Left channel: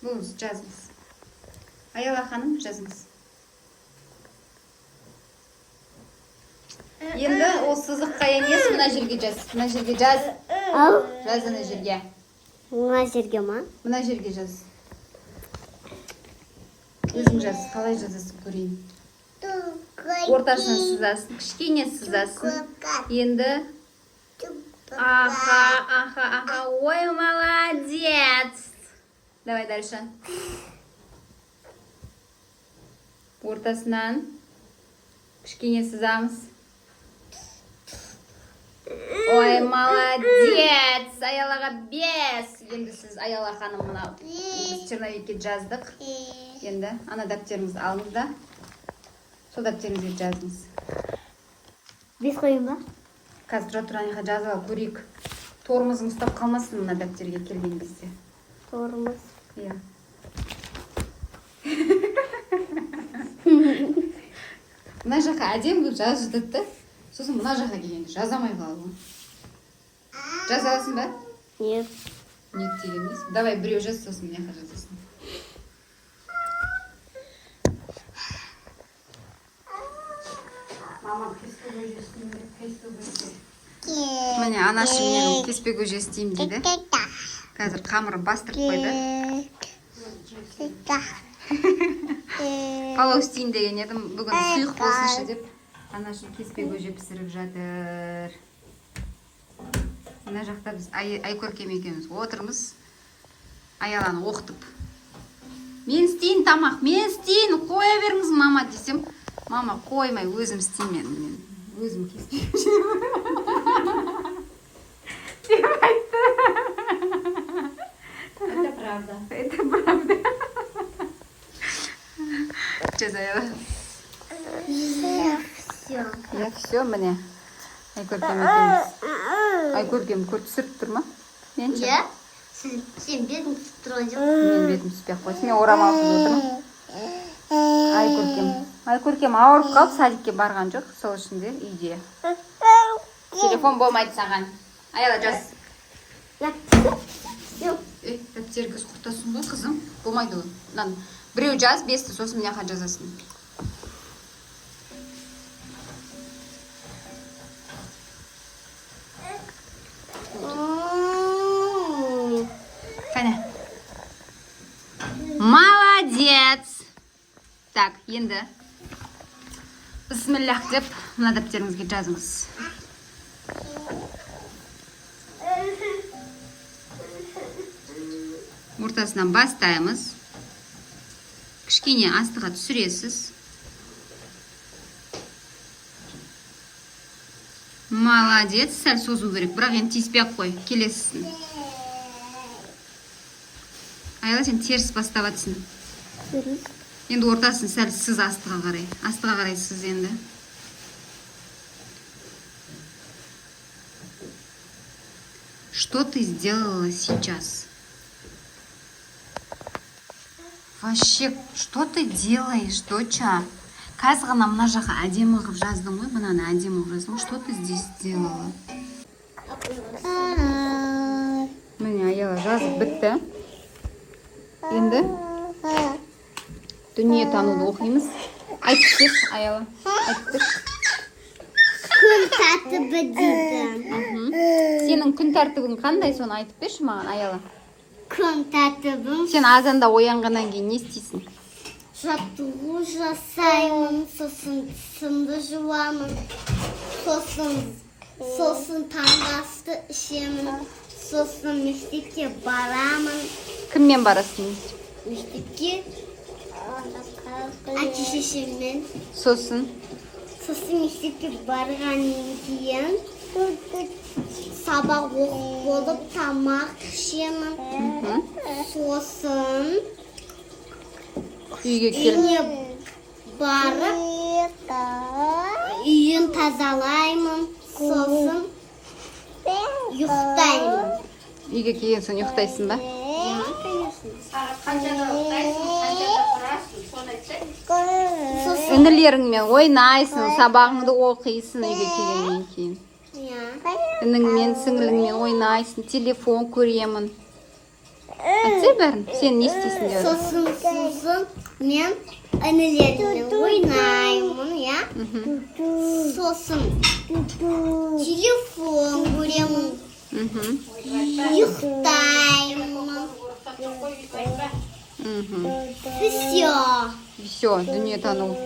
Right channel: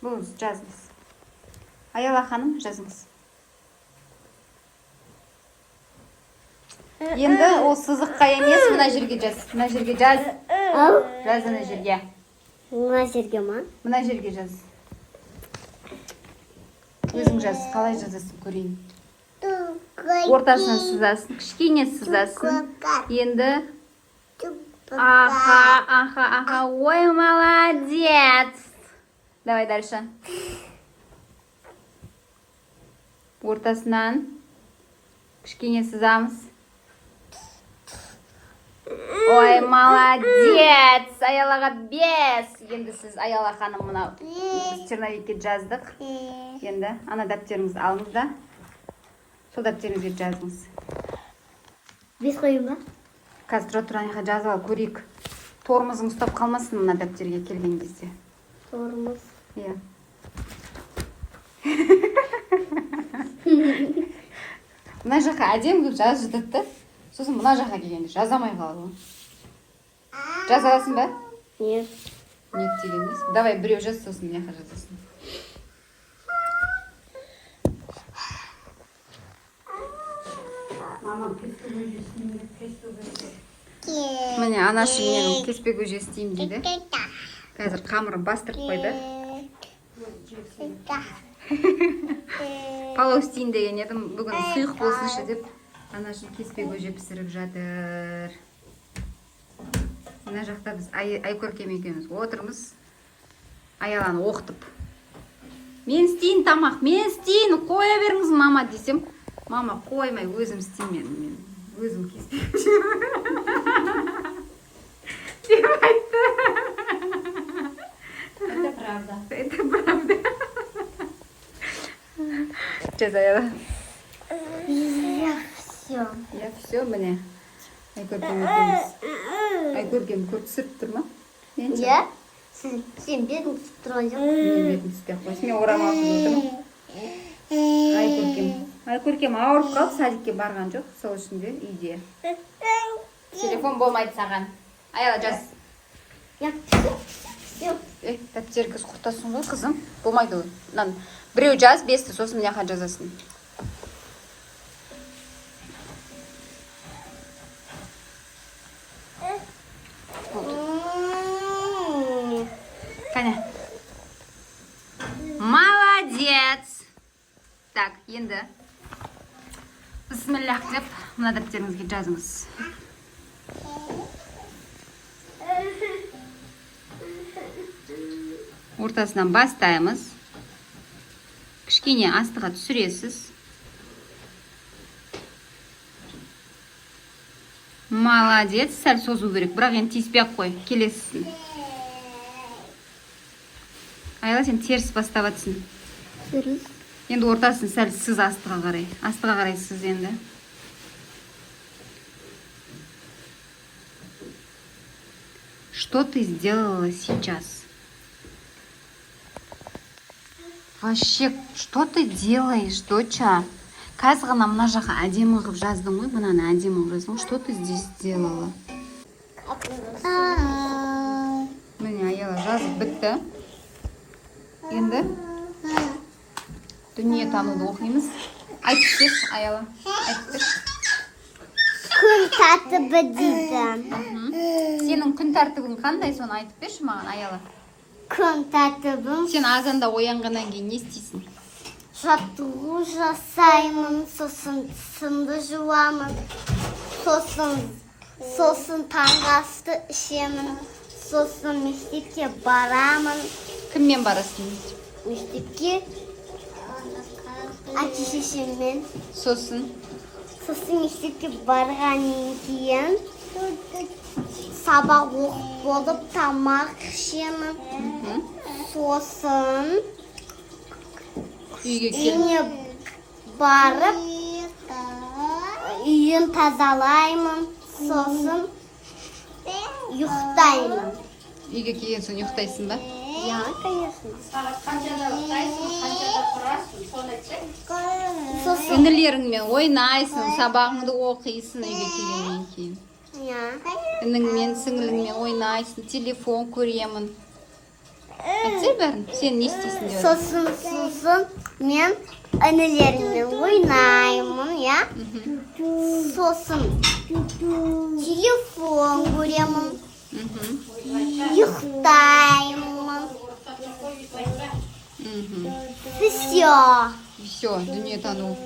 Бұл жазыңыз. Аяла ханым, жазыңыз. Енді ол сызыққа емес, мына жерге жаз. Мына жерге жаз. Жаз мына жерге. Мына жерге ма? Мына жерге жаз. Өзің жаз, қалай жазасың көрейін. Ортасына сызасың, кішкене сызасың. Енді аха, ой, молодец. Давай дальше. Ортасынан кішкене сызамыз. Ой, молодец! Аялаға 5. Енді сіз Аяла ханым мына черновикке жаздық. Енді ана дәптеріңізді алыңыз да. Сол дәптеріңізге жазыңыз. 5 қойын ба? Қазір тұраңға жазалы көрейік. Тормызың ұстап қалмасын мына дәптерге келген кезде. Тормыз. Мына жаққа әдемі болып жазып жатады да. Сосын мына жаққа келгенде жазамай қалады. Жаза аласың ба? Нет. Нет дегеніміз. Давай біреу жаз, сосын мына жаққа жазасың. Міне анашы менің кеспе көже істеймін дейді. Қазір қамырын бастырып қойды. Палау істейін деген едім, бүгін сұйық болсыншы деп анашы кеспе көже пісіріп жатыр. Мына жақта біз Айкөркем екеуміз отырмыз. Аяланы оқытып. Мен істейін тамақ, мен істейін, қоя беріңіз мама десем, мама қоймай өзім істеймін, мен өзім кеспе көже деп айтты. Это правда. Это правда. Жаз Аяла. Я все, міне. Айкөркем екеуміз. Айкөркем көріп түсіріп тұр ма? Мен ше? Сен бетің түсіп тұрған жоқ. Мен бетім түспей ақ қойсын. Мен орамалсыз отырмын. Айкөркем ауырып қалып, садикке барған жоқ. Сол үшін де үйде. Телефон болмайды саған. Аяла жаз. Дәптеріңіз құртасың ғой, қызым. Болмайды ол. Біреу жаз, 5-ті, сосын мына жаққа жазасың. Қане. Молодец! Так, енді бисмиллах деп мына дәптеріңізге жазыңыз. Ортасынан бастаймыз. Кішкене астыға түсіресіз. Молодец, сәл созу керек, бірақ енді тиіспей ақ қой, келесісін. Аяла, сен теріс бастап атсың. Енді ортасын сәл сыз астыға қарай. Астыға қарай сыз енді. Что ты сделала сейчас? Вообще, что ты делаешь, доча? Қазір ғана мына жаққа әдемі қылып жаздың ғой, мынаны әдемі қылып жаздың ғой. Что ты здесь сделала? Міне, Аяла жазып бітті. Енді дүние тануды оқимыз. Айтып, Аяла. Айтып. Күн тәртібі дейді. Сенің күн тәртібің қандай, соны айтып берші маған, Аяла. Күн тәртібім. Сен азанда оянғаннан кейін не істейсің? Жаттығу жасаймын, сосын тісімді жуамын, сосын таңғы ішемін, сосын мектепке барамын. Кіммен барасың? Мектепке әке-шешеммен. Сосын мектепке барғаннан кейін сабақ оқып болып тамақ ішемін. Сосын үйіне барып үйін тазалаймын. Сосын ұйықтаймын. Үйге келген соң ұйықтайсың ба? Ja, конечно. Інілеріңмен ойнайсың, сабағыңды оқисың үйге келгеннен кейін. иә ініңмен сіңіліңмен ойнайсың, телефон көремін. Айтсай бәрін, сен не істейсің деп. сосын мен інілеріммен ойнаймын, иә. Сосын телефон көремін, ұйықтаймын. Все. Все, дүниетану